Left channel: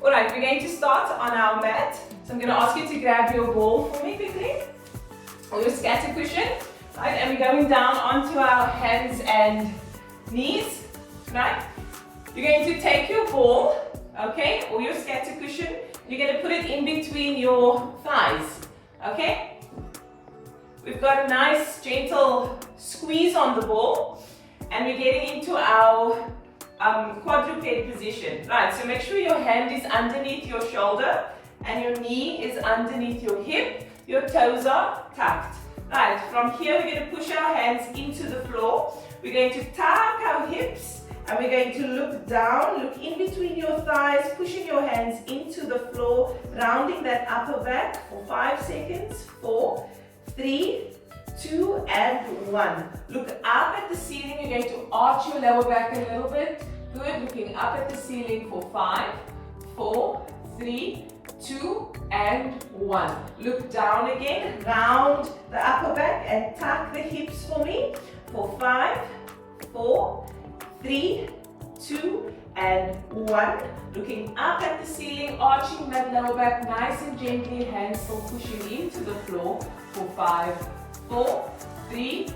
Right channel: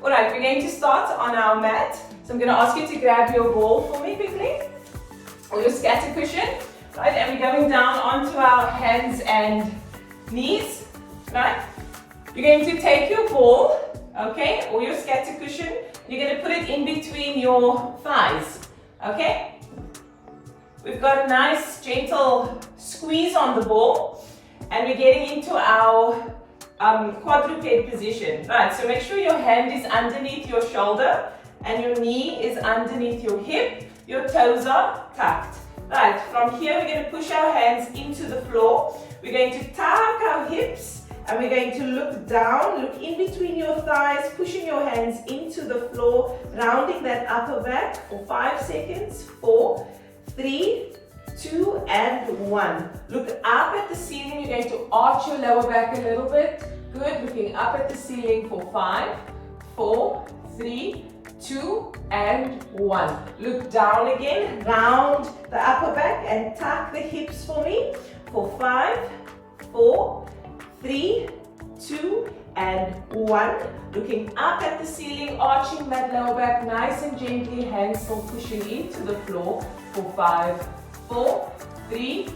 Alright, we're going to start on our mat. So I'm going to ask you to grab your ball for me quickly, or your scatter cushion, right? And we're going down onto our hands and knees, right? You're going to take your ball, okay, or your scatter cushion, you're going to put it in between your thighs, okay? We've got a nice gentle squeeze on the ball, and we're getting into our quadruped position, right? So make sure your hand is underneath your shoulder and your knee is underneath your hip. Your toes are tucked. Right, from here we're going to push our hands into the floor. We're going to tuck our hips and we're going to look down, look in between your thighs, pushing your hands into the floor, rounding that upper back for 5 seconds. 4, 3, 2, and 1. Look up at the ceiling. You're going to arch your lower back a little bit. Good. Looking up at the ceiling for 5, 4, 3, 2, and 1. Look down again. Round the upper back and tuck the hips for me for 5, 4, 3, 2, and 1. Looking up at the ceiling, arching that lower back nice and gently, hands still pushing into the floor for 5, 4, 3,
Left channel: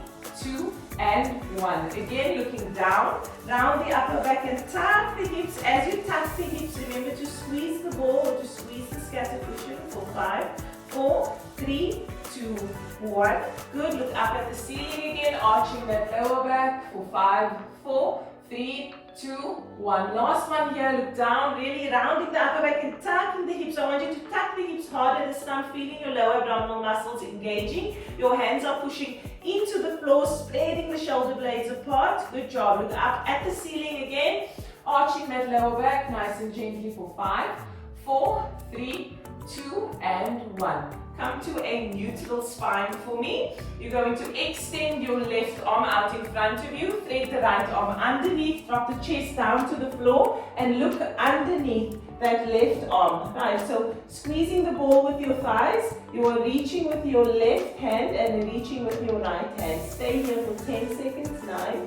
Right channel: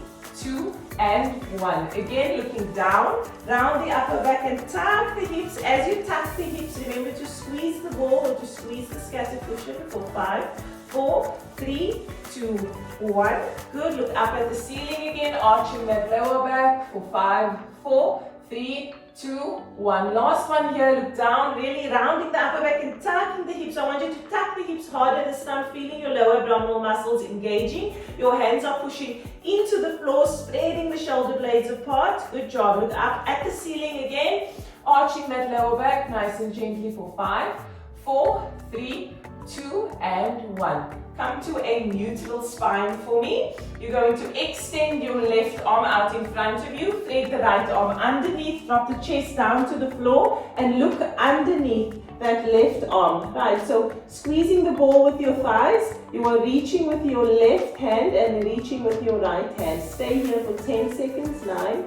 2, and 1. Again, looking down, round the upper back and tuck the hips. As you tuck the hips, remember to squeeze the ball or to squeeze the scatter cushion for 5, 4, 3, 2, 1. Good. Look up at the ceiling again, arching that lower back for 5, 4, 3, 2, 1. Last one here. Look down, really rounding the upper back and tucking the hips. I want you to tuck the hips harder this time, feeling your lower abdominal muscles engaging. Your hands are pushing into the floor, spreading the shoulder blades apart. Good job. Look up at the ceiling again, arching that lower back nice and gently for 5, 4, 3, 2, and 1. Come to a neutral spine for me. You're going to extend your left arm out in front of you, thread the right arm underneath, drop the chest down to the floor, and look underneath that left arm. Right, so squeezing the ball with your thighs, you are reaching with your left hand and reaching with your right hand. Stay here for 10 seconds. 9,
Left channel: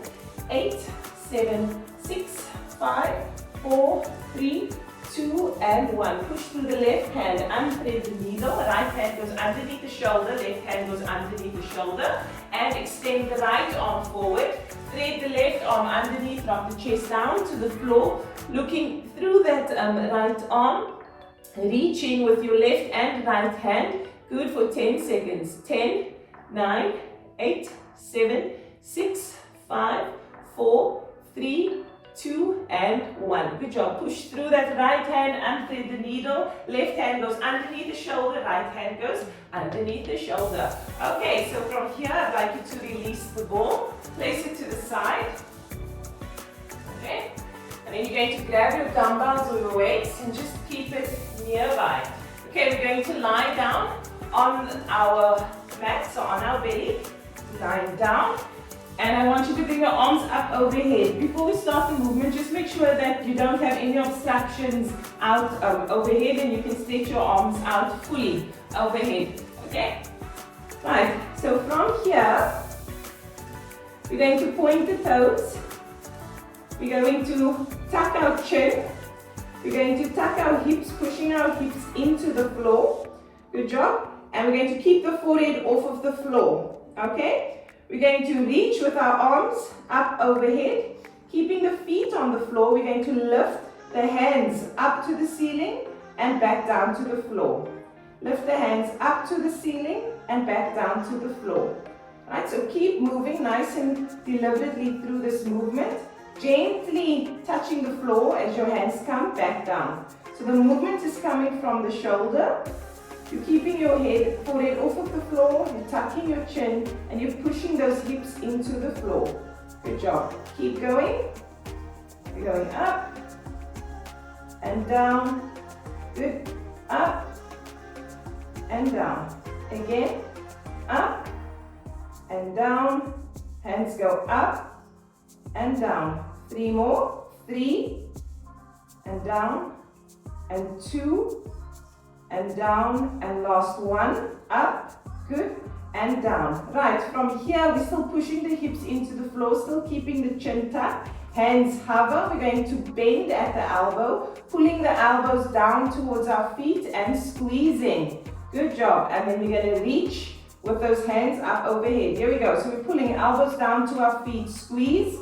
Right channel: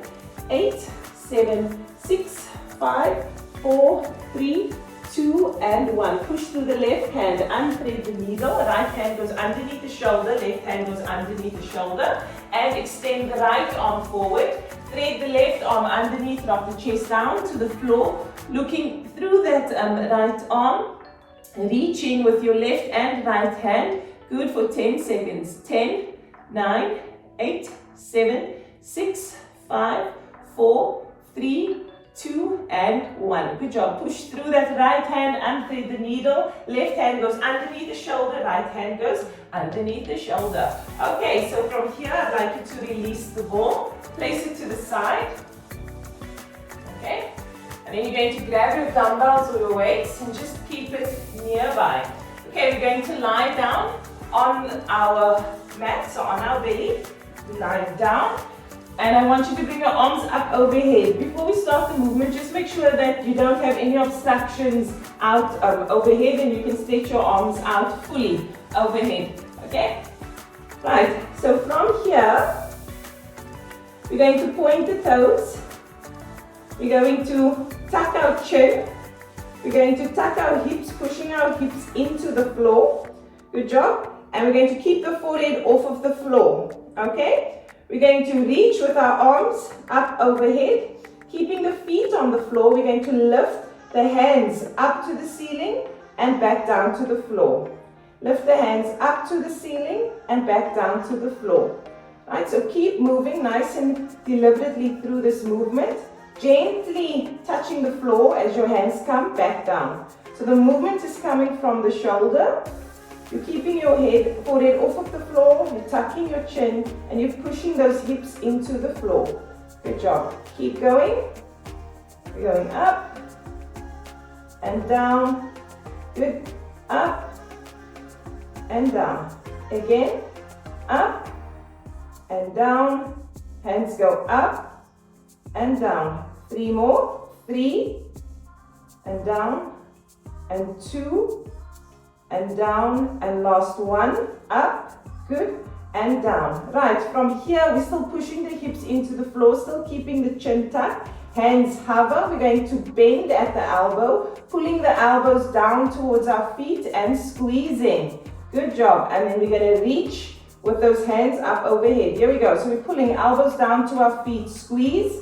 8, 7, 6, 5, 4, 3, 2, and 1. Push through the left hand, unthread the needle. Right hand goes underneath the shoulder, left hand goes underneath the shoulder, and extend the right arm forward. Thread the left arm underneath, drop the chest down to the floor, looking through that right arm, reaching with your left and right hand. Good for 10 seconds. 10, 9, 8, 7, 6, 5, 4, 3, 2, and 1. Good job. Push through that right hand, unthread the needle. Left hand goes underneath the shoulder, right hand goes underneath the shoulder. Okay, so from here I'd like you to release the ball, place it to the side. Okay, and then you're going to grab your dumbbells or your weights and just keep it nearby. Okay, we're going to lie down on our mat, so on our belly, lying down. And I want you to bring your arms up overhead. Before we start the movement, just make sure that you don't have any obstructions out overhead, and you can stretch your arms out fully overhead. Okay? Right, so from here, we're going to point the toes. We're going to tuck our chin. We're going to tuck our hips, pushing our hips into the floor. Good job. And we're going to keep the forehead off of the floor. Okay? We're going to reach with our arms up overhead, keeping the feet on the floor. We're going to lift the hands up to the ceiling and back down to the floor. Lift the hands up to the ceiling and back down to the floor. Right, so keep moving nice and deliberately through this movement, gently touching the floor as your hands come back down. So the movement is coming from the shoulder. You're keeping your forehead off of the floor, you're tucking your chin, and you're pushing those hips into the floor. Good job. Keep going. You're going up and down. Good. Up and down. Again. Up and down. Hands go up and down. 3 more. 3 and down and 2 and down, and last 1, up, good, and down. Right, from here we're still pushing the hips into the floor, still keeping the chin tucked, Hands hover. We're going to bend at the elbow, pulling the elbows down towards our feet and squeezing. Good job. And then we're going to reach with those hands up overhead. Here we go. So we're pulling elbows down to our feet, squeeze,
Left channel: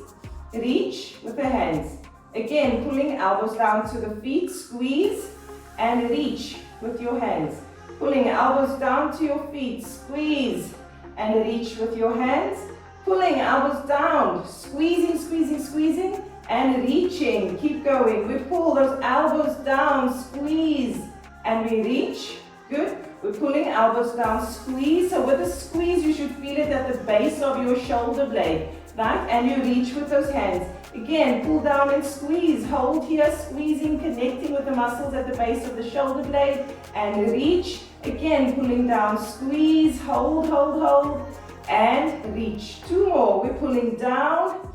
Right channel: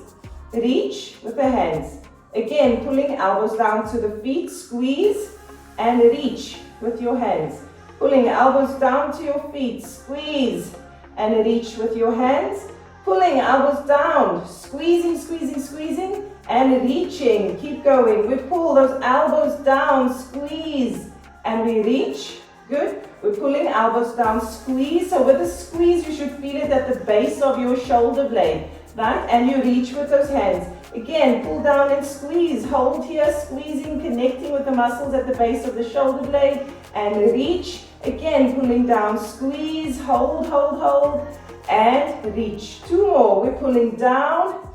reach with the hands. Again, pulling elbows down to the feet, squeeze and reach with your hands. Pulling elbows down to your feet, squeeze and reach with your hands. Pulling elbows down, squeezing, squeezing, squeezing and reaching. Keep going. We pull those elbows down, squeeze and we reach. Good. We're pulling elbows down, squeeze. So with the squeeze, you should feel it at the base of your shoulder blade, right? And you reach with those hands. Again, pull down and squeeze. Hold here, squeezing, connecting with the muscles at the base of the shoulder blade and reach. Again, pulling down, squeeze, hold, hold, hold and reach. Two more. We're pulling down,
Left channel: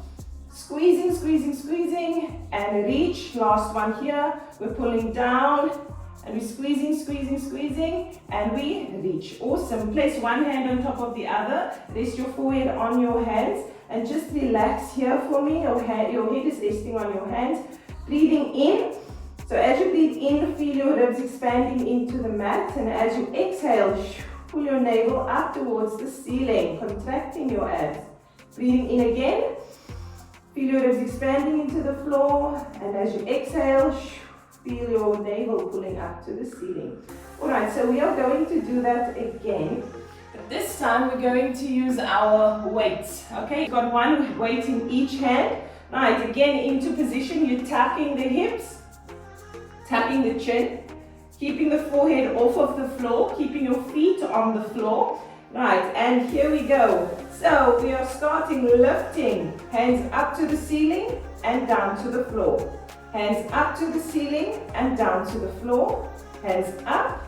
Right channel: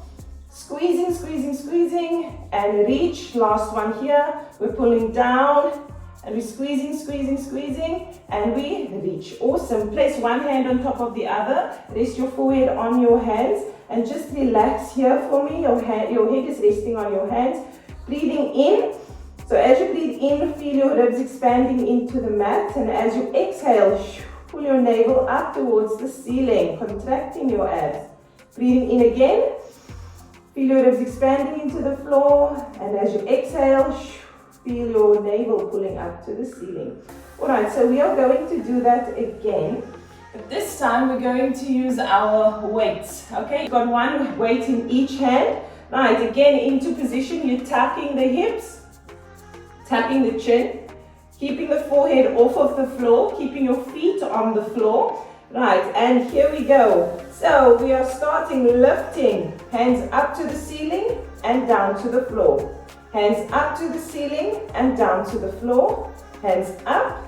squeezing, squeezing, squeezing and reach. Last one here. We're pulling down and we're squeezing, squeezing, squeezing and we reach. Awesome. Place one hand on top of the other. Rest your forehead on your hands and just relax here for me. Your head is resting on your hands. Breathing in. So as you breathe in, feel your ribs expanding into the mat, and as you exhale, pull your navel up towards the ceiling, contracting your abs. Breathing in again. Feel your ribs expanding into the floor, and as you exhale, feel your navel pulling up to the ceiling. Alright, so we are going to do that again. But this time we're going to use our weights. Okay, you've got one weight in each hand. Right, again into position, you're tapping the hips, tapping the chin, keeping the forehead off of the floor, keeping your feet on the floor. Right, and here we go. So we are starting lifting, hands up to the ceiling and down to the floor. Hands up to the ceiling and down to the floor. Hands up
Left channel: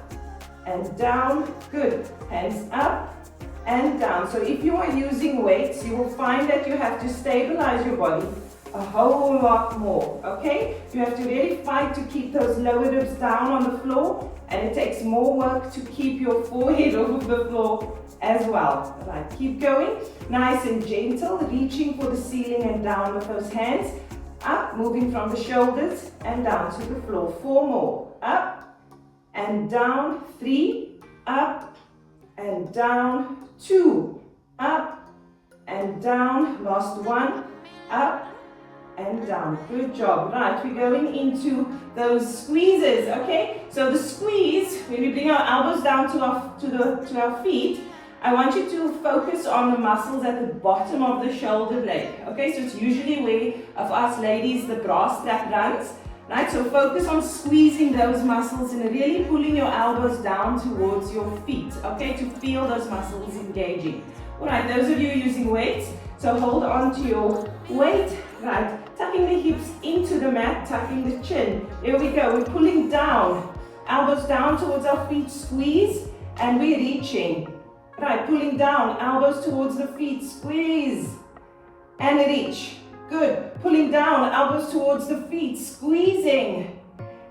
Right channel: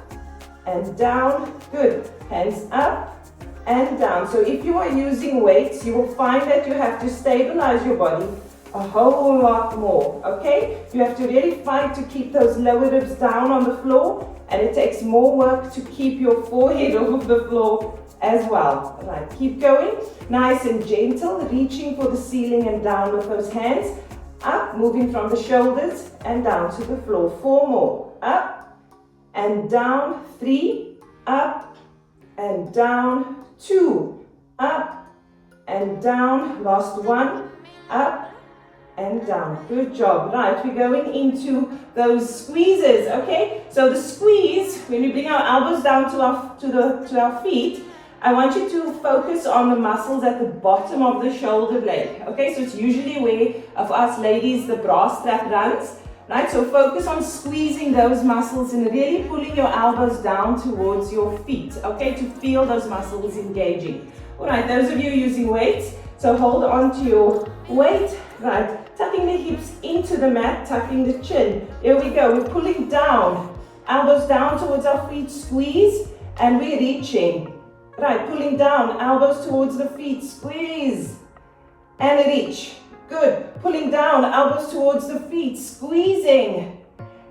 and down. Good. Hands up and down. So if you are using weights, you will find that you have to stabilize your body a whole lot more, okay? You have to really fight to keep those lower ribs down on the floor, and it takes more work to keep your forehead off the floor as well. All right, keep going. Nice and gentle, reaching for the ceiling and down with those hands. Up, moving from the shoulders and down to the floor. 4 more. Up and down. 3, up and down. 2, up and down. Last one. Up and down. Good job. Right, we're going into those squeezes, okay? So the squeeze, when we bring our elbows down to our feet, I want you to focus on the muscles at the bottom of the shoulder blade, okay? So it's usually where, of us ladies, the bra strap runs, right? So focus on squeezing those muscles and really pulling your elbows down towards your feet, okay? To feel those muscles engaging. All right, those of you using weights, so hold on to your weight, right? Tucking the hips into the mat, tucking the chin. Here we go, we're pulling down, elbows down towards our feet, squeeze, and we're reaching. Right, pulling down, elbows towards the feet, squeeze, and reach. Good, pulling down, elbows towards the feet, squeezing,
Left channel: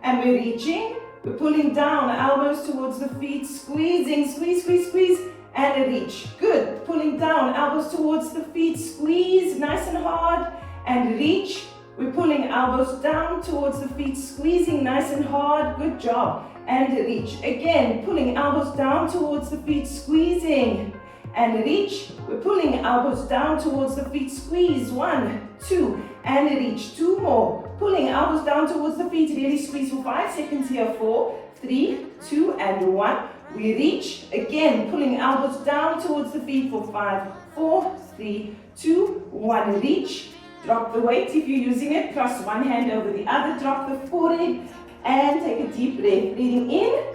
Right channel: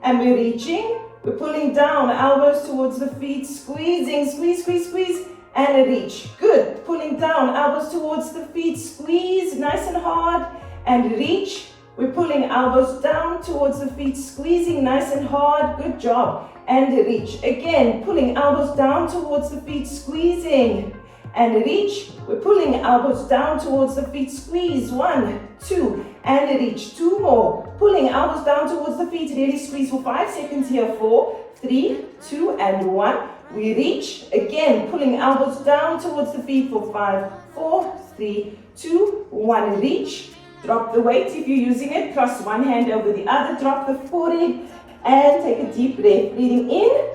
and we're reaching. We're pulling down, elbows towards the feet, squeezing, squeeze, squeeze, squeeze, and reach. Good, pulling down, elbows towards the feet, squeeze, nice and hard, and reach. We're pulling elbows down towards the feet, squeezing nice and hard. Good job. And reach. Again, pulling elbows down towards the feet, squeezing and reach. We're pulling elbows down towards the feet, squeeze. 1, 2, and reach. 2 more. Pulling elbows down towards the feet, really squeeze for 5 seconds here. 4, 3, 2, and 1. We reach. Again, pulling elbows down towards the feet for 5, 4, 3, 2, 1. Reach. Drop the weight if you're using it. Cross one hand over the other. Drop the forehead. And take a deep breath, breathing in,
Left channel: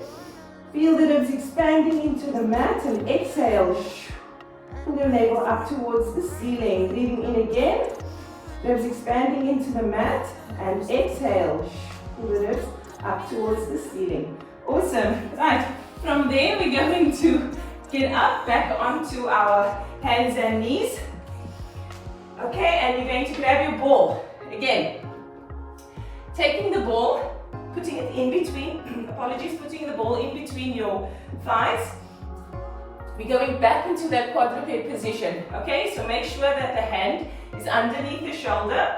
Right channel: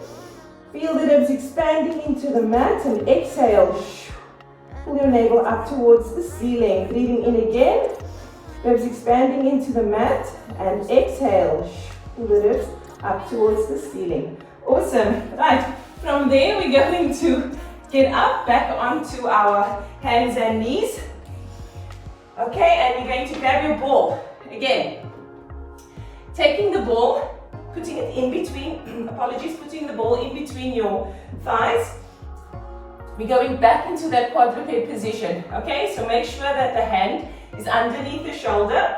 feel the ribs expanding into the mat, and exhale, pull your navel up towards the ceiling, breathing in again, ribs expanding into the mat, and exhale, pull the ribs up towards the ceiling. Awesome. Right, from there we're going to get up, back onto our hands and knees. Okay, and you're going to grab your ball, again, taking the ball, putting it in between, putting the ball in between your thighs. We're going back into that quadruped position, okay? So make sure that the hand is underneath the shoulder.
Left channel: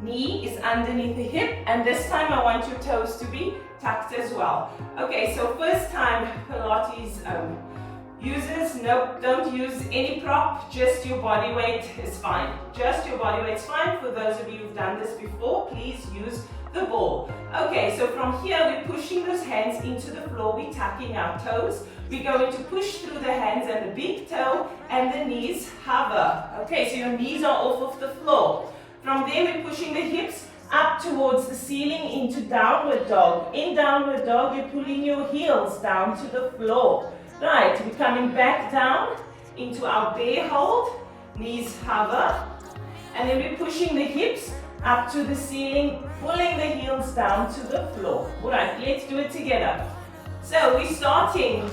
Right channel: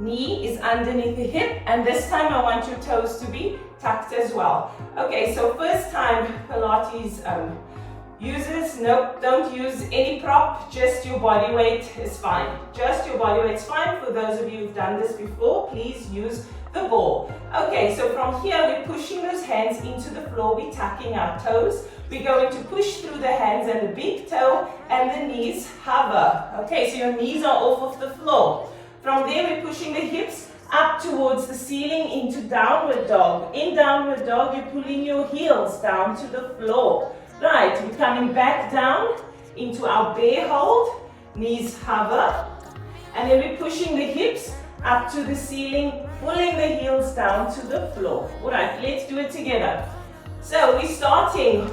knee is underneath the hip, and this time I want your toes to be tucked as well. Okay, so first time Pilates users, nope, don't use any prop, just your body weight is fine. Just your body weight is fine. For those of you who've done this before, please use the ball. Okay, so from here we're pushing those hands into the floor, we're tucking our toes. We're going to push through the hands and the big toe, and the knees hover. Okay, so your knees are off of the floor. From there we're pushing the hips up towards the ceiling into downward dog. In downward dog, you're pulling your heels down to the floor. Right, we're coming back down into our bear hold, knees hover, and then we're pushing the hips up to the ceiling, pulling the heels down to the floor. All right, let's do it together. So we're starting,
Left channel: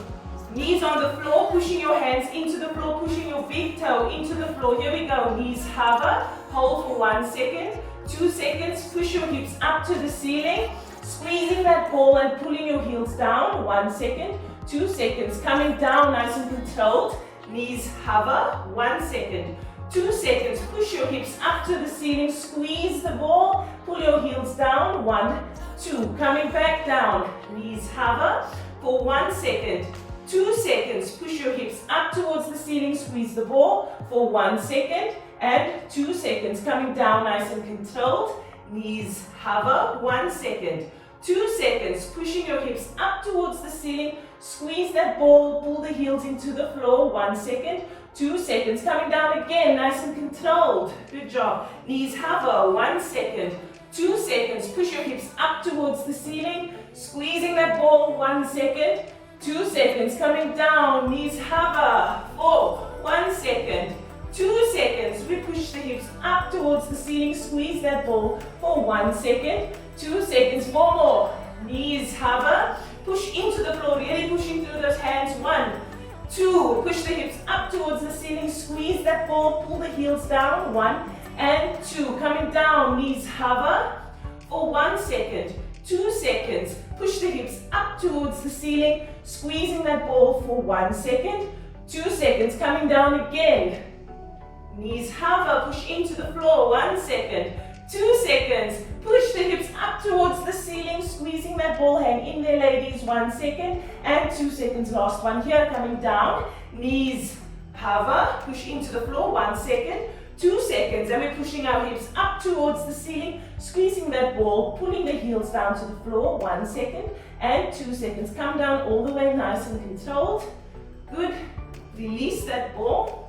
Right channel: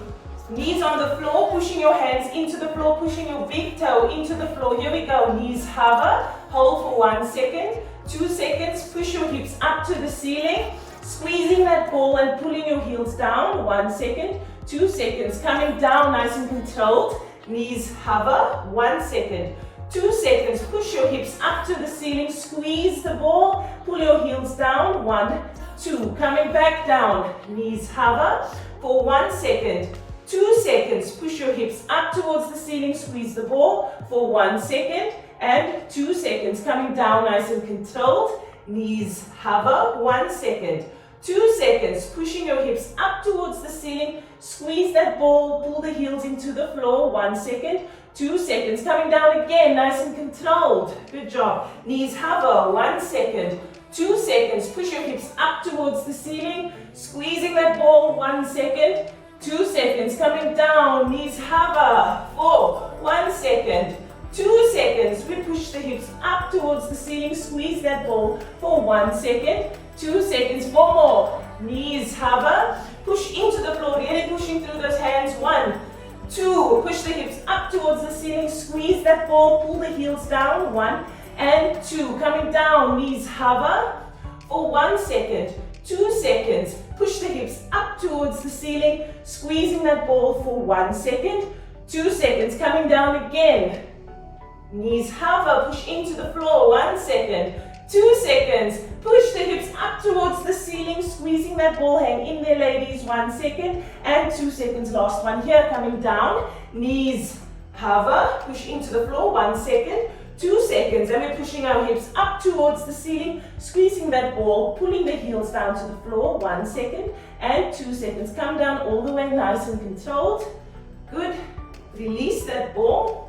knees on the floor, pushing your hands into the floor, pushing your big toe into the floor. Here we go, knees hover, hold for 1 second, 2 seconds, push your hips up to the ceiling, squeezing that ball and pulling your heels down, 1 second, 2 seconds, coming down nice and controlled, knees hover, 1 second, 2 seconds, push your hips up to the ceiling, squeeze the ball, pull your heels down, 1, 2, coming back down, knees hover for 1 second, 2 seconds, push your hips up towards the ceiling, squeeze the ball for 1 second, and 2 seconds, coming down nice and controlled, knees hover, 1 second, 2 seconds, pushing your hips up towards the ceiling, squeeze that ball, pull the heels into the floor, 1 second, 2 seconds, coming down again, nice and controlled, good job, knees hover, 1 second, 2 seconds, push your hips up towards the ceiling, squeezing that ball, 1 second, 2 seconds, coming down, knees hover, 1 second, 2 seconds, we push the hips up towards the ceiling, squeeze that ball for 1 second, 2 seconds, 4 more, knees hover, push into the floor, really pushing through those hands, 1, 2, push the hips up towards the ceiling, squeeze that ball, pull the heels down, 1 and 2, coming down, knees hover for 1 second, 2 seconds, push the hips up towards the ceiling, squeezing that ball for 1 second, 2 seconds, coming down again, knees hover, push into the floor, 1 second, 2 seconds, push the hips up towards the ceiling, squeezing that ball, hang in there ladies, 1 second, and 2 seconds, last one here, coming down, knees hover, push into the floor, 1 second, 2 seconds, and we're pushing our hips up towards the ceiling, squeezing that ball, pulling the heels down to the floor, 1 second, and 2 seconds, come down all the way nice and controlled, good, release that ball,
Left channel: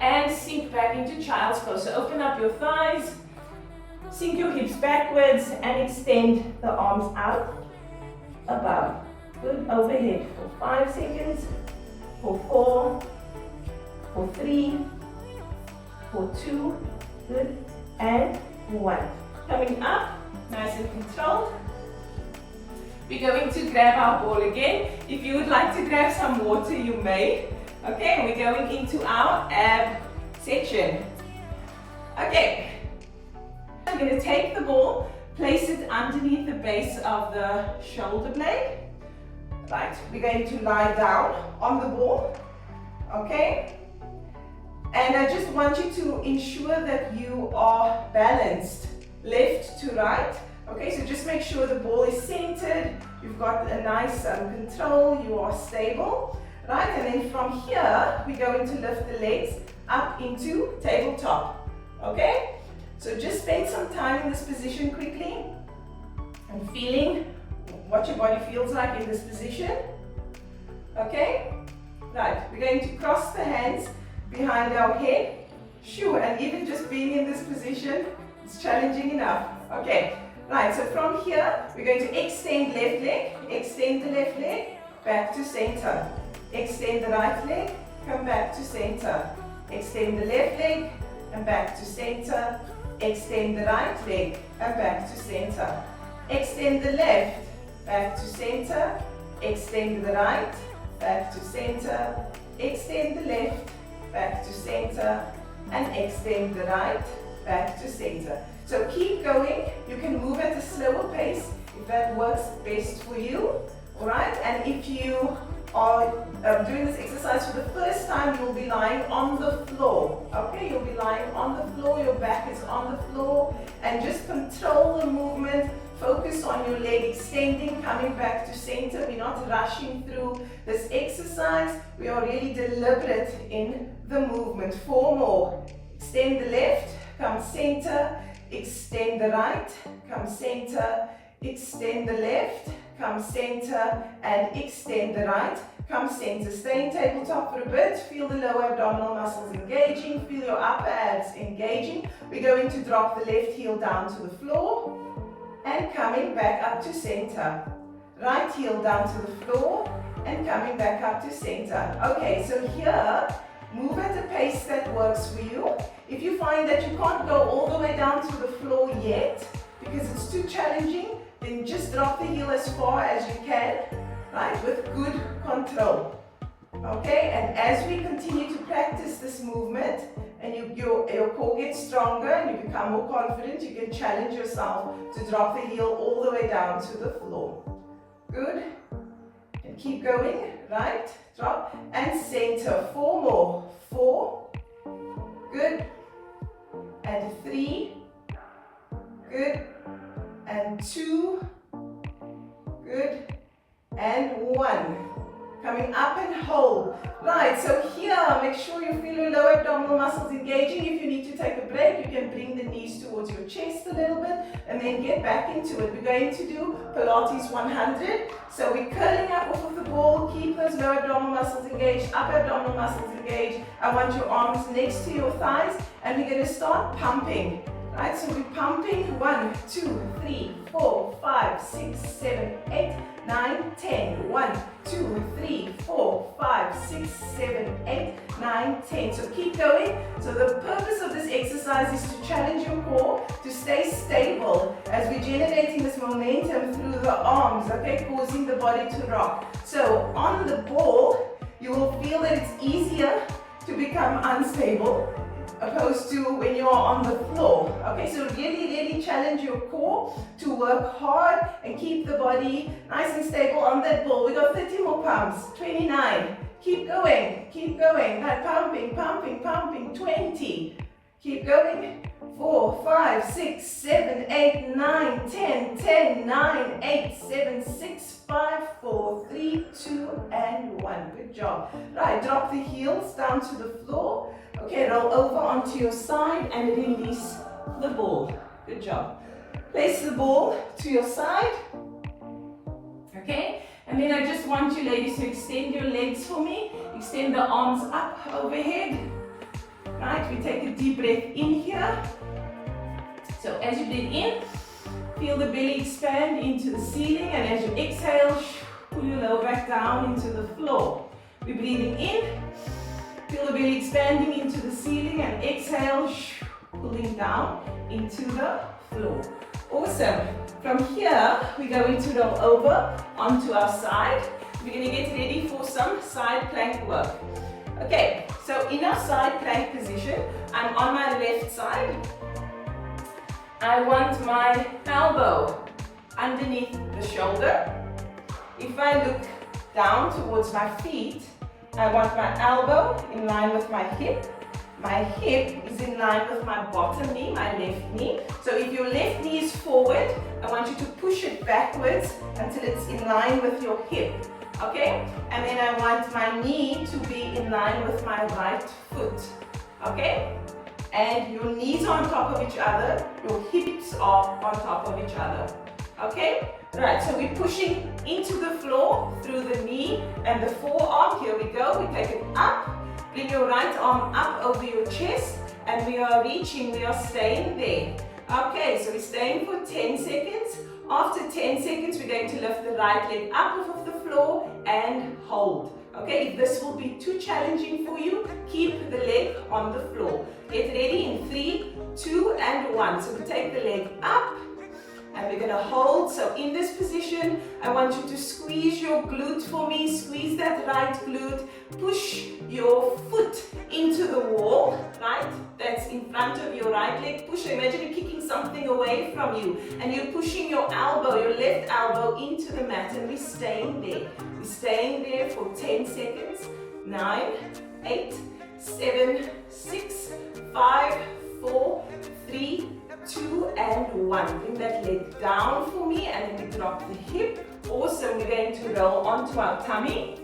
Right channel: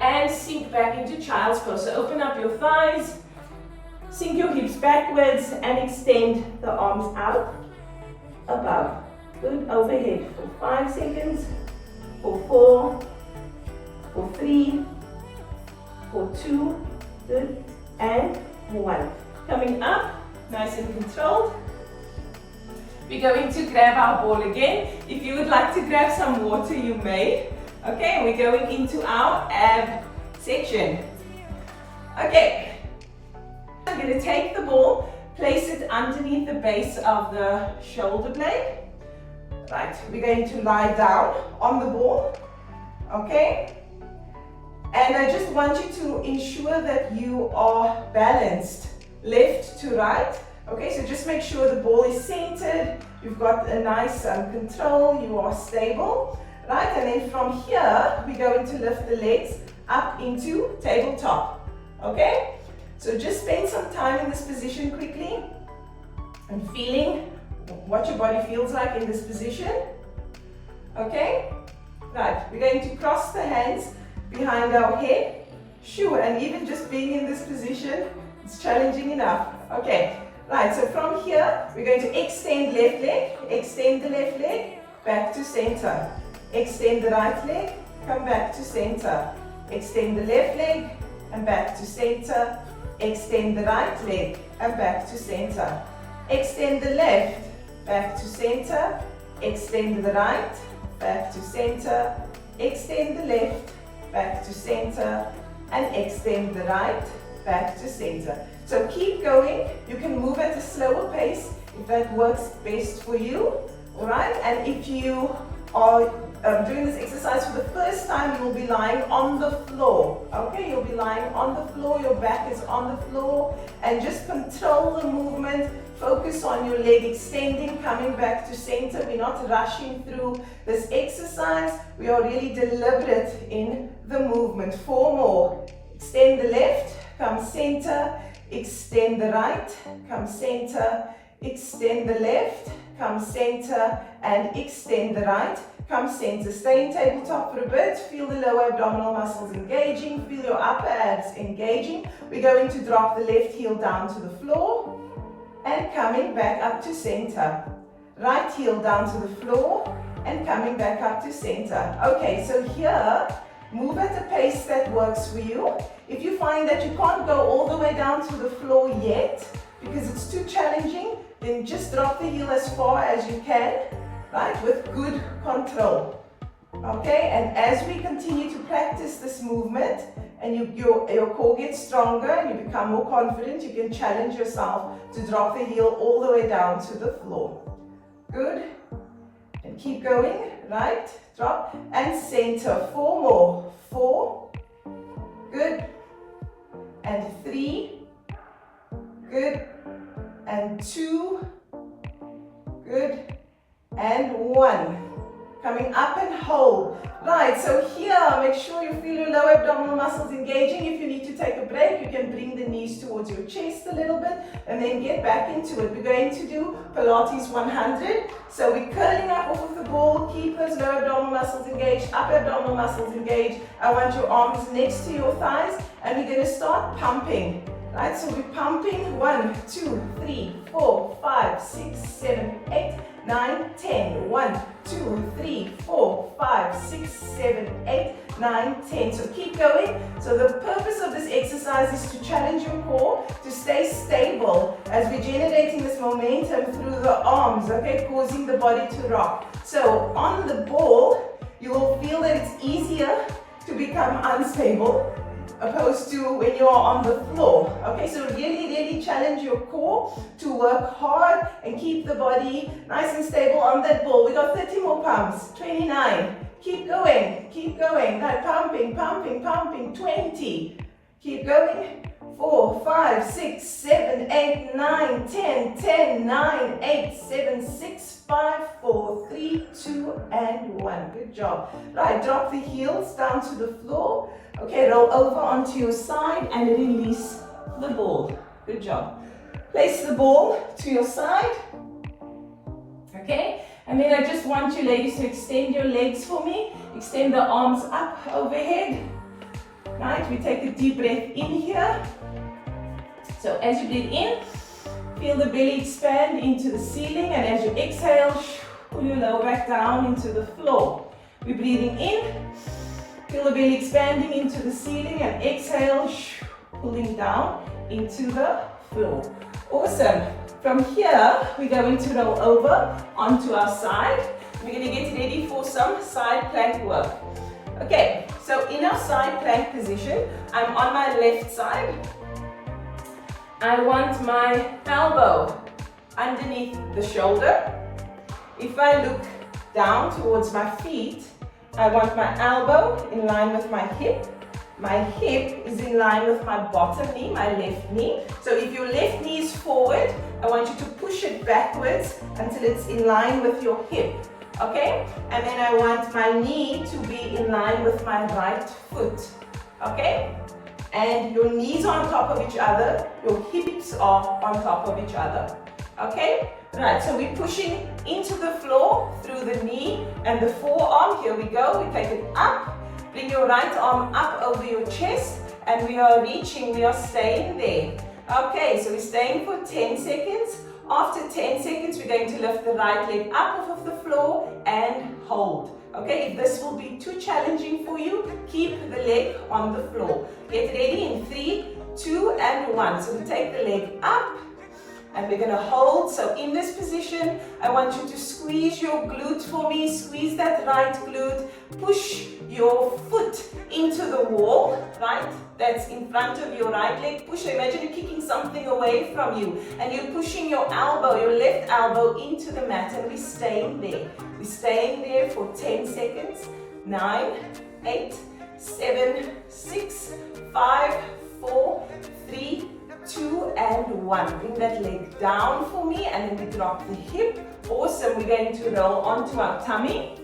and sink back into child's pose. So open up your thighs, sink your hips backwards and extend the arms out above. Good, overhead for 5 seconds, for 4, for 3, for 2, good, and 1. Coming up, nice and controlled. We're going to grab our ball again. If you would like to grab some water, you may. Okay, we're going into our ab section. Okay, I'm going to take the ball, place it underneath the base of the shoulder blade. Right, we're going to lie down on the ball. Okay, and I just want you to ensure that you are balanced left to right. Okay, so just make sure the ball is centered, you've got a nice control, you are stable. Right, and then from here, we're going to lift the legs up into tabletop. Okay, so just spend some time in this position quickly and feeling what your body feels like in this position. Okay, right, we're going to cross the hands behind our head. Sure, and even just being in this position, it's challenging enough. Okay, right, so from here, we're going to extend left leg, extend the left leg, back to center. Extend the right leg, come back to center. Extend the left leg and back to center. Extend the right leg and back to center. Extend the left, back to center. Extend the right, back to center. Extend the left, back to center. And extend the right, back to center. So keep going. You can move at a slower pace if that works best for you. Alright, and if you are doing this exercise for the first time, you'll be lying on the floor. Okay, you'll be lying on the floor, your back is on the floor, and just control the movement. Focus on your leg extending, coming back to center. We're not rushing through this exercise. We are really deliberate in the movement. 4 more. Extend the left, come center, extend the right, come center, extend the left, come center, and extend the right, come center. Stay in tabletop for a bit. Feel the lower abdominal muscles engaging, feel your upper abs engaging. We're going to drop the left heel down to the floor and coming back up to center. Right heel down to the floor and coming back up to center. Okay, so here, move at a pace that works for you. If you find that you can't go all the way down to the floor yet, because it's too challenging, then just drop the heel as far as you can, right, with good control. Okay, and as we continue to practice this movement, and your core gets stronger and you become more confident, you can challenge yourself to drop the heel all the way down to the floor. Good. And keep going. Right, drop, and center. 4 more. 4. Good. And 3. Good. And 2. Good. And 1. Coming up and hold. Right, so here, make sure you feel your lower abdominal muscles engaging. If you need to take a break, you can bring the knees towards your chest a little bit and then get back into it. We're going to do Pilates 100. So we're curling up off of the ball. Keep those lower abdominal muscles engaged, upper abdominal muscles engaged. I want your arms next to your thighs, and we're going to start pumping. Right, so we're pumping 1, 2, 3, 4, 5, 6, 7, 8, 9, 10. 1, 2, 3, 4, 5, 6, 7, 8, 9, 10. So keep going. So the purpose of this exercise is to challenge your core to stay stable as we're generating this momentum through the arms, okay, causing the body to rock. So on the ball, you will feel that it's easier to become unstable opposed to when you're on the floor. Okay, so really challenge your core to work hard and keep the body nice and stable on that ball. We got 30 more pumps. 29. Keep going. Right, pumping. 20. Keep going. 4, 5, 6, 7, 8, 9, 10, 10, 9, 8, 7, 6, 5, 4, 3, 2, and 1. Good job. Right, drop the heels down to the floor. Okay, roll over onto your side and release the ball. Good job. Place the ball to your side. Okay, and then I just want you ladies to extend your legs for me. Extend the arms up overhead. Right, we take a deep breath in here. So as you breathe in, feel the belly expand into the ceiling, and as you exhale, pull your lower back down into the floor. We're breathing in, feel the belly expanding into the ceiling, and exhale, pulling down into the floor. Awesome. From here, we're going to roll over onto our side. We're going to get ready for some side plank work. Okay, so in our side plank position, I'm on my left side. I want my elbow underneath the shoulder. If I look down towards my feet, I want my elbow in line with my hip. My hip is in line with my bottom knee, my left knee. So if your left knee is forward, I want you to push it backwards until it's in line with your hip. Okay? And then I want my knee to be in line with my right foot. Okay? And your knees are on top of each other, your hips are on top of each other. Okay? Right, so we're pushing into the floor through the knee and the forearm. Here we go. We take it up. Bring your right arm up over your chest, and we are reaching, we are staying there. Okay, so we're staying for 10 seconds. After 10 seconds, we're going to lift the right leg up off of the floor and hold. Okay, if this will be too challenging for you, keep the leg on the floor. Get ready in 3, 2, and 1. So we take the leg up and we're going to hold. So in this position, I want you to squeeze your glute for me. Squeeze that right glute. push your foot into the wall, right? That's in front of your right leg. Push, imagine you're kicking something away from you and you're pushing your elbow, your left elbow into the mat, and we're staying there. We're staying there for 10 seconds. 9, 8, 7, 6, 5, 4, 3, 2, and 1. Bring that leg down for me, and then we drop the hip. Awesome. We're going to roll onto our tummy.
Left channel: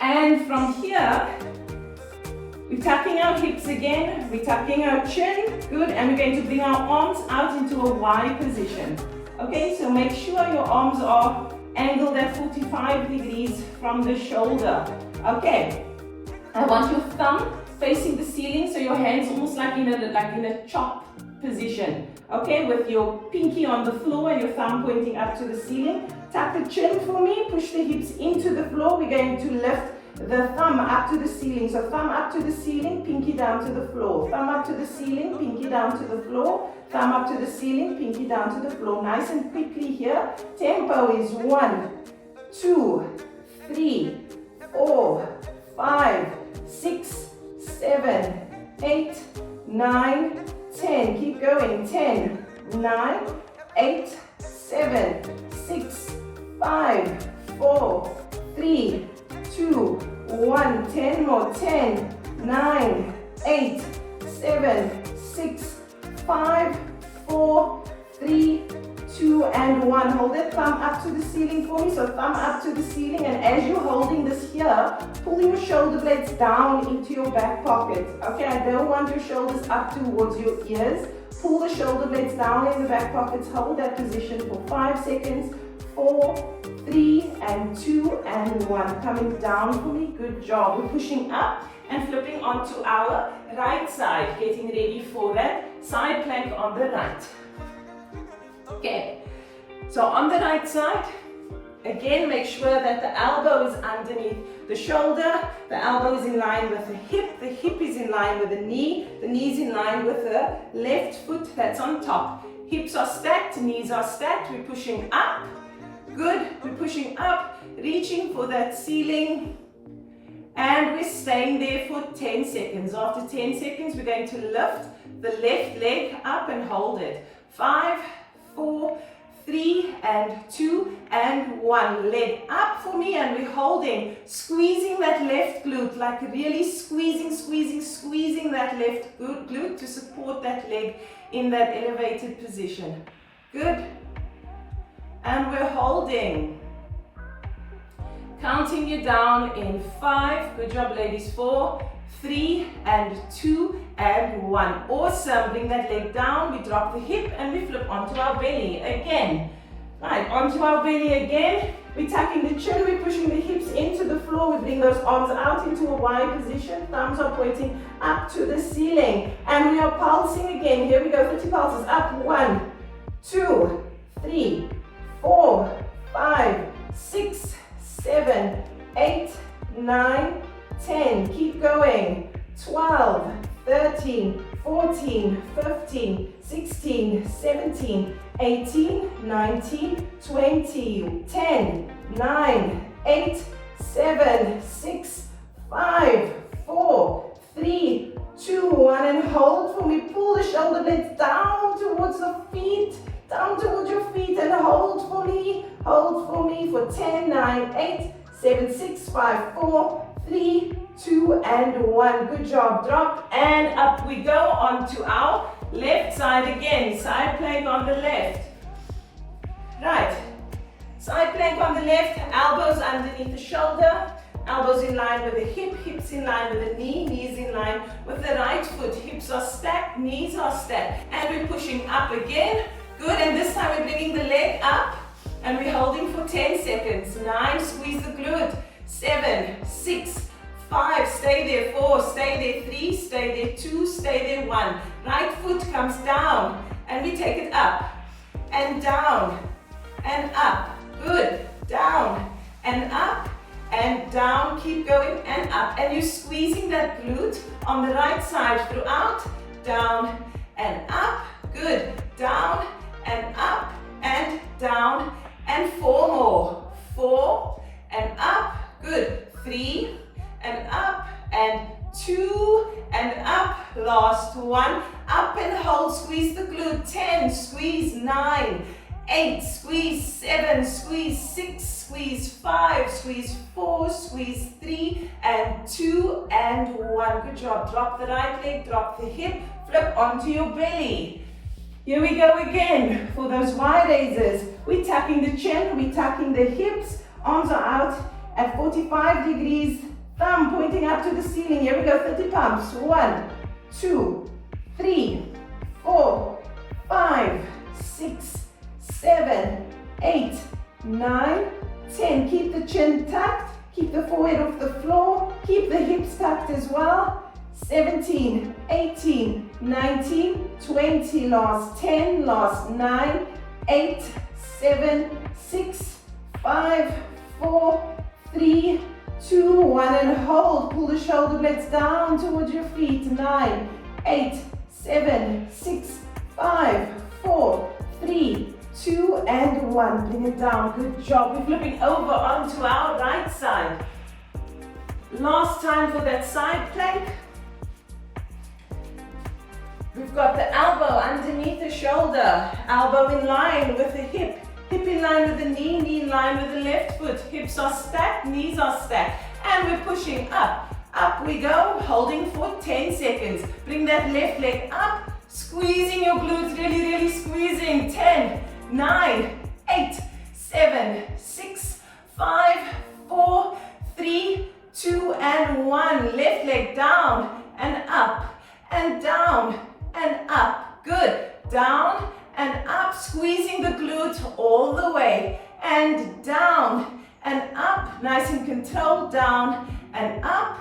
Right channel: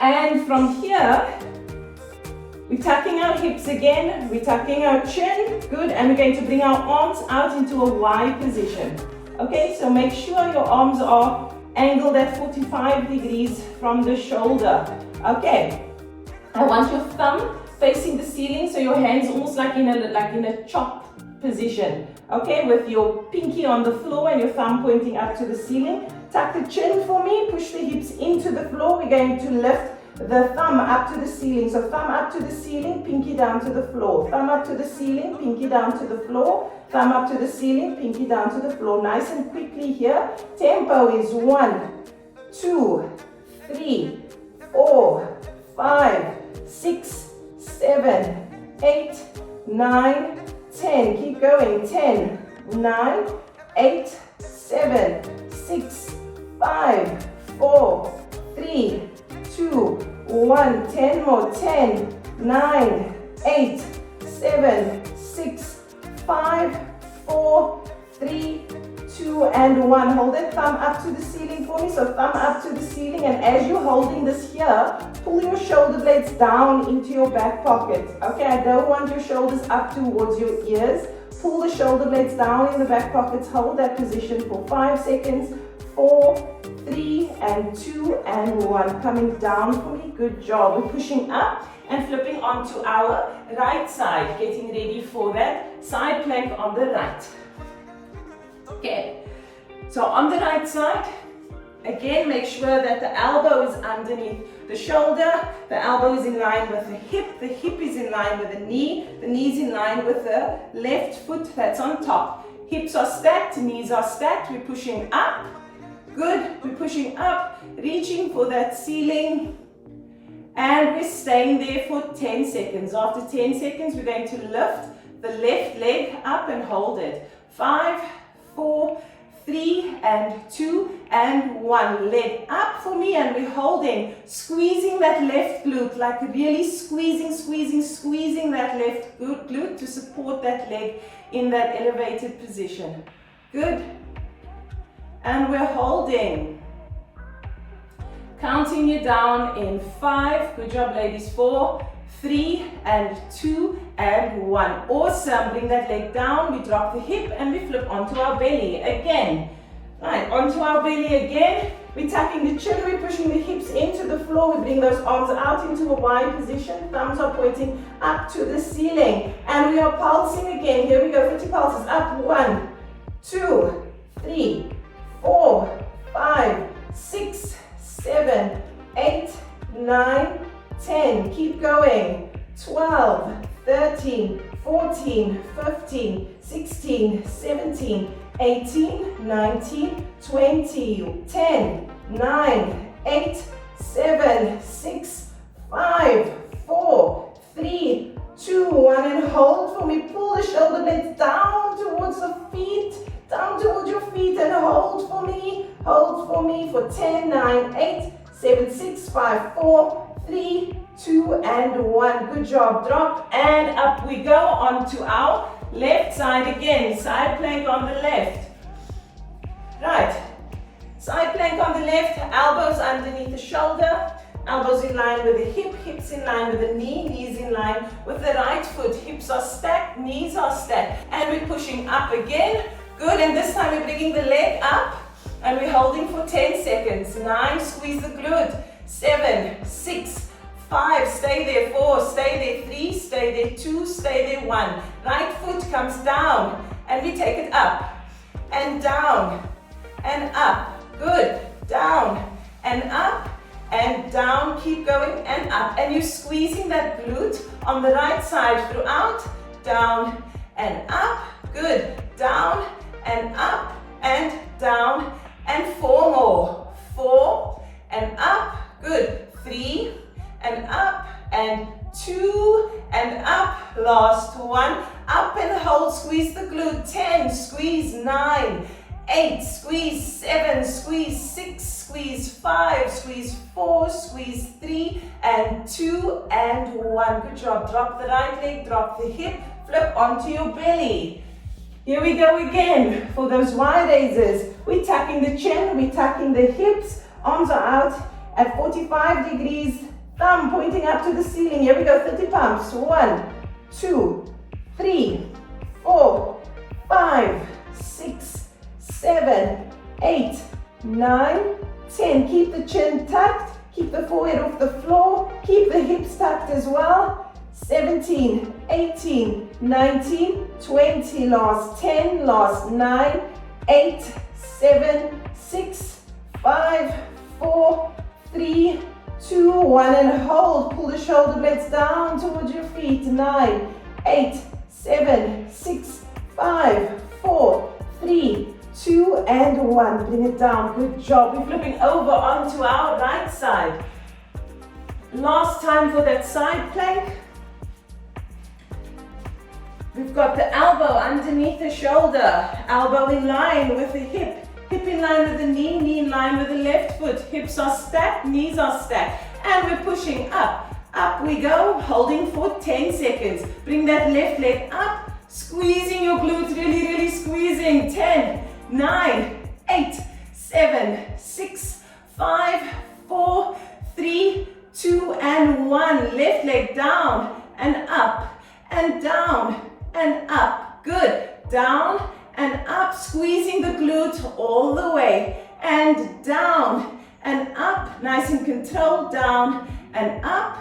And from here, we're tucking our hips again. We're tucking our chin. Good. And we're going to bring our arms out into a Y position. Okay, so make sure your arms are angled at 45 degrees from the shoulder. Okay. I want your thumb facing the ceiling, so your hands almost like in a chop position. Okay, with your pinky on the floor and your thumb pointing up to the ceiling. Tuck the chin for me, push the hips into the floor. We're going to lift the thumb up to the ceiling. So thumb up to the ceiling, pinky down to the floor. Thumb up to the ceiling, pinky down to the floor. Thumb up to the ceiling, pinky down to the floor. Nice and quickly here. Tempo is 1, 2, 3, 4, 5, 6, 7, 8, 9, 10. Keep going. 10, 9, 8, 7, 6, 5, 4, 3, 2, 1. 10 more. 10, 9, 8, 7, 6, 5, 4, 3, 2, and 1. Hold that thumb up to the ceiling for me. So thumb up to the ceiling, and as you're holding this here, pull your shoulder blades down into your back pocket. Okay, I don't want your shoulders up towards your ears. Pull the shoulder blades down in the back pockets. Hold that position for 5 seconds. 4, 3, and 2, and 1. Coming down for me. Good job. We're pushing up and flipping onto our right side. Getting ready for that side plank on the right. Okay, so on the right side, again, make sure that the elbow is underneath the shoulder, the elbow is in line with the hip is in line with the knee is in line with the left foot that's on top. Hips are stacked, knees are stacked, we're pushing up. Good, we're pushing up, reaching for that ceiling, and we're staying there for 10 seconds. After 10 seconds, we're going to lift the left leg up and hold it. 5, 4, 3, and 2, and 1. Leg up for me, and we're holding, squeezing that left glute, like really squeezing that left glute to support that leg in that elevated position. Good. And we're holding. Counting you down in 5. Good job, ladies. 4, 3, and 2, and 1. Awesome. Bring that leg down. We drop the hip and we flip onto our belly again. Right, onto our belly again. We're tucking the chin. We're pushing the hips into the floor. We bring those arms out into a Y position. Thumbs are pointing up to the ceiling. And we are pulsing again. Here we go. 50 pulses. Up. 1, 2, 3, 4, 5, 6, 7, 8, 9, 10. Keep going. 12, 13, 14, 15, 16, 17, 18, 19, 20, 10, 9, 8, 7, 6, 5, 4, 3, 2, 1, and hold for me. Pull the shoulder blades down towards the feet, down towards your feet, and hold for me for 10, 9, 8, 7, 6, 5, 4, 3, 2, and 1. Good job. Drop and up we go onto our left side again. Side plank on the left. Right. Side plank on the left, elbows underneath the shoulder, elbows in line with the hip, hips in line with the knee, knees in line with the right foot. Hips are stacked, knees are stacked, and we're pushing up again. Good, and this time we're bringing the leg up and we're holding for 10 seconds. 9, squeeze the glute. 7, 6, 5, stay there. 4, stay there. 3, stay there. 2, stay there. 1. Right foot comes down and we take it up and down and up. Good. Down and up and down. Keep going and up. And you're squeezing that glute on the right side throughout. Down and up. Good. Down and up and down. And 4 more. 4 and up. Good. 3, and up, and 2, and up, last one, up and hold, squeeze the glute, 10, squeeze, 9, 8, squeeze, 7, squeeze, 6, squeeze, 5, squeeze, 4, squeeze, 3, and 2, and 1, good job, drop the right leg, drop the hip, flip onto your belly. Here we go again, for those wide raises, we're tucking the chin, we're tucking the hips, arms are out at 45 degrees, thumb pointing up to the ceiling. Here we go, 30 pumps. 1, 2, 3, 4, 5, 6, 7, 8, 9, 10. Keep the chin tucked, keep the forehead off the floor, keep the hips tucked as well. 17, 18, 19, 20, last 10, last 9, 8, 7, 6, 5, 4, 3, 2, 1, and hold. Pull the shoulder blades down towards your feet. 9, 8, 7, 6, 5, 4, 3, 2, and 1. Bring it down. Good job. We're flipping over onto our right side. Last time for that side plank. We've got the elbow underneath the shoulder, elbow in line with the hip, hip in line with the knee, knee in line with the left foot, hips are stacked, knees are stacked, and we're pushing up. Up we go, holding for 10 seconds. Bring that left leg up, squeezing your glutes, really, really squeezing. 10, 9, 8, 7, 6, 5, 4, 3, 2, and 1. Left leg down and up and down and up. Good. Down and up, squeezing the glute all the way. And down and up. Nice and controlled. Down and up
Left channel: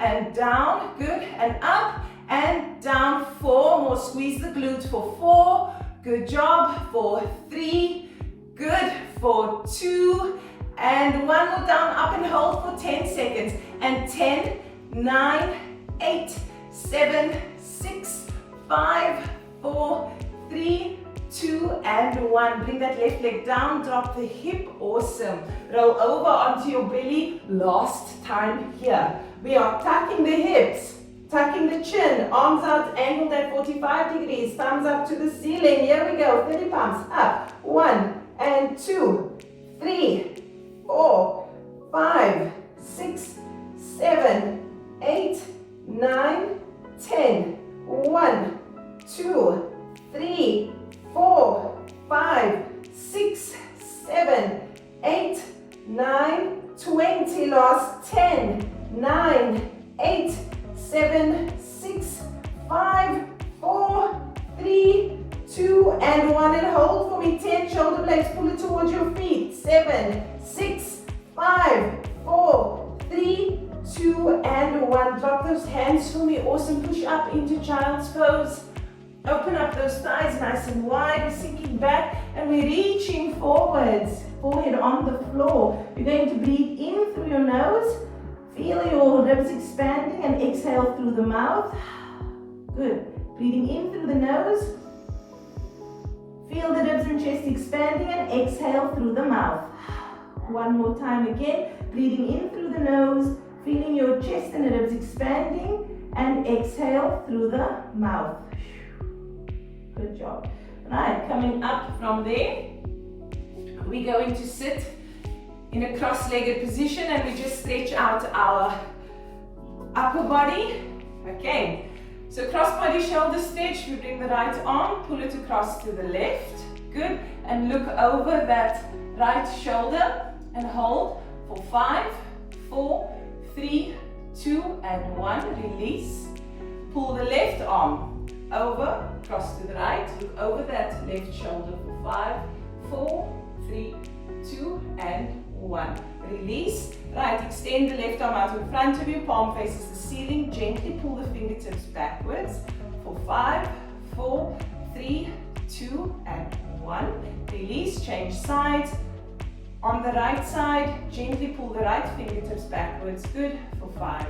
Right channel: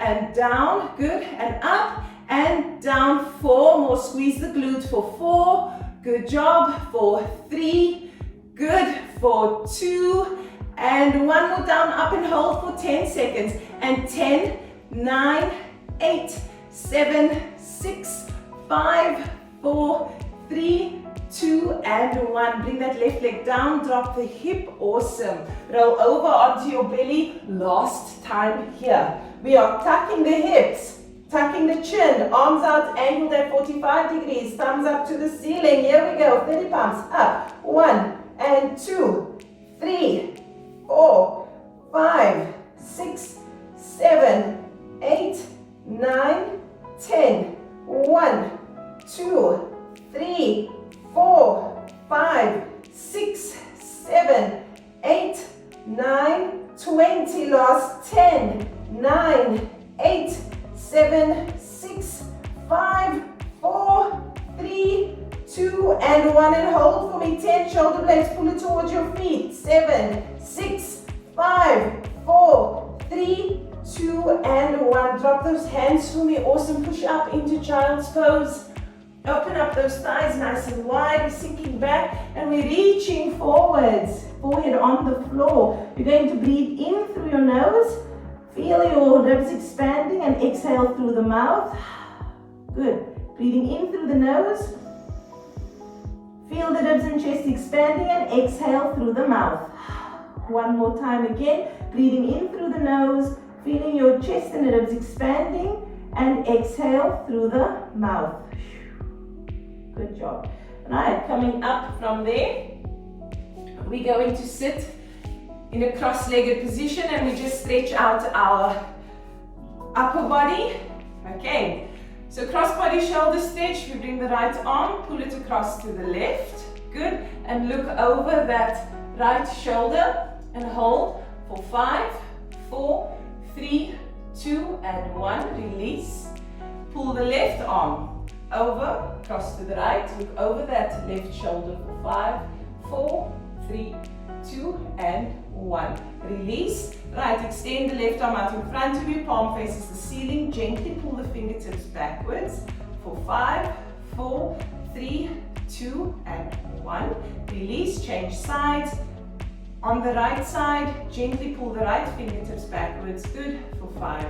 and down. Good. And up and down. 4 more. Squeeze the glute for 4. Good job. For 3. Good. For 2. And 1 more down. Up and hold for 10 seconds. And 10, 9, 8, 7, 6, 5, 4, 3, 2, and 1. Bring that left leg down, drop the hip, awesome. Roll over onto your belly, last time here. We are tucking the hips, tucking the chin, arms out, angled at 45 degrees, thumbs up to the ceiling. Here we go, 30 pumps, up. 1, and 2, 3, 4, 5, 6, 7, 8, 9, 10. 1, 2, 3, 4, 5, 6, 7, 8, 9, 20. Last 10, 9, 8, 7, 6, 5, 4, 3, 2, and 1. And hold for me. 10 shoulder blades. Pull it towards your feet. 7, 6, 5, 4, 3, 2, and 1. Drop those hands for me. Awesome. Push up into child's pose. Open up those thighs nice and wide. We're sinking back and we're reaching forwards. Forehead on the floor. You're going to breathe in through your nose. Feel your ribs expanding and exhale through the mouth. Good. Breathing in through the nose. Feel the ribs and chest expanding and exhale through the mouth. One more time again. Breathing in through the nose. Feeling your chest and ribs expanding and exhale through the mouth. Good job. Right, coming up from there, we're going to sit in a cross-legged position and we just stretch out our upper body. Okay, so cross-body shoulder stretch. We bring the right arm, pull it across to the left. Good, and look over that right shoulder and hold for 5, 4, 3, 2, and 1. Release. Pull the left arm over, cross to the right. Look over that left shoulder for 5, 4, 3, 2, and 1. Release. Right, extend the left arm out in front of you. Palm faces the ceiling. Gently pull the fingertips backwards for 5, 4, 3, 2, and 1. Release. Change sides. On the right side, gently pull the right fingertips backwards. Good. For 5,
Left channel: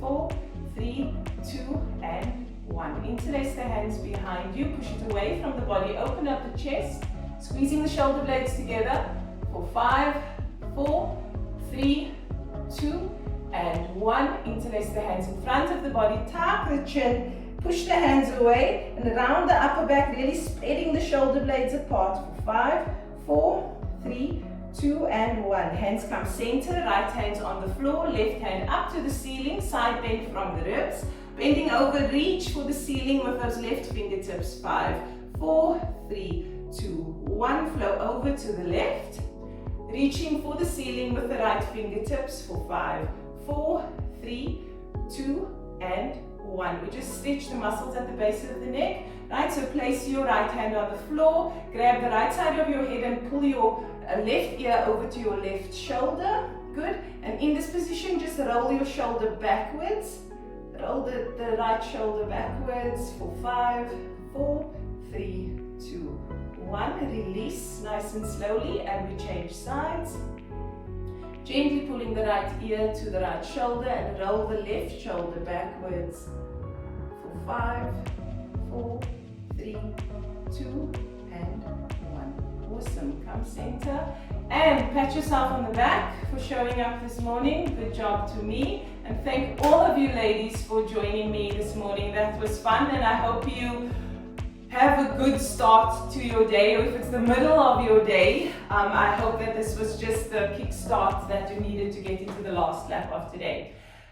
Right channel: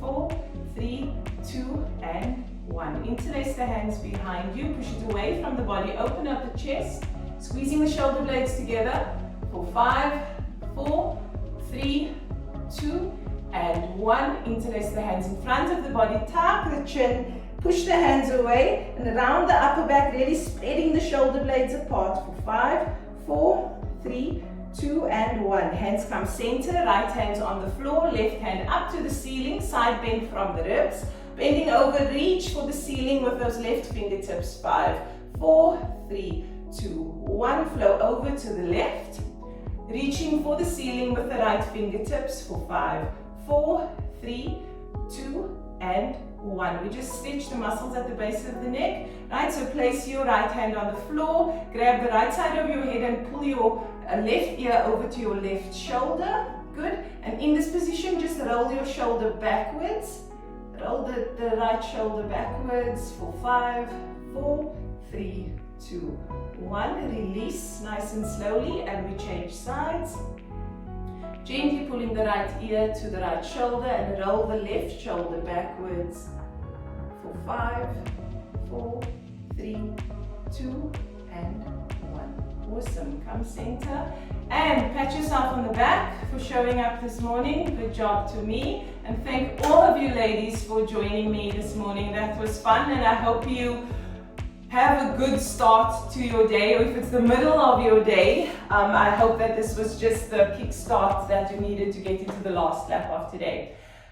4, 3, 2, and 1. Interlace the hands behind you. Push it away from the body. Open up the chest. Squeezing the shoulder blades together. For 5, 4, 3, 2, and 1. Interlace the hands in front of the body, tuck the chin, push the hands away, and around the upper back, really spreading the shoulder blades apart for 5, 4, 3, 2, and 1. Hands come center, right hands on the floor, left hand up to the ceiling, side bend from the ribs. Bending over, reach for the ceiling with those left fingertips. 5, 4, 3, 2, 1. Flow over to the left. Reaching for the ceiling with the right fingertips for 5, 4, 3, 2, and 1. We just stretch the muscles at the base of the neck. Right, so place your right hand on the floor, grab the right side of your head and pull your left ear over to your left shoulder. Good. And in this position, just roll your shoulder backwards. Roll the right shoulder backwards for 5, 4, 3, 2, 1. Release nice and slowly, and we change sides. Gently pulling the right ear to the right shoulder and roll the left shoulder backwards for 5, 4, 3, 2, and 1. Awesome. Come center and pat yourself on the back for showing up this morning. Good job to me. And thank all of you ladies for joining me this morning. That was fun, and I hope you have a good start to your day, or if it's the middle of your day, I hope that this was just the kick start that you needed to get into the last lap of today.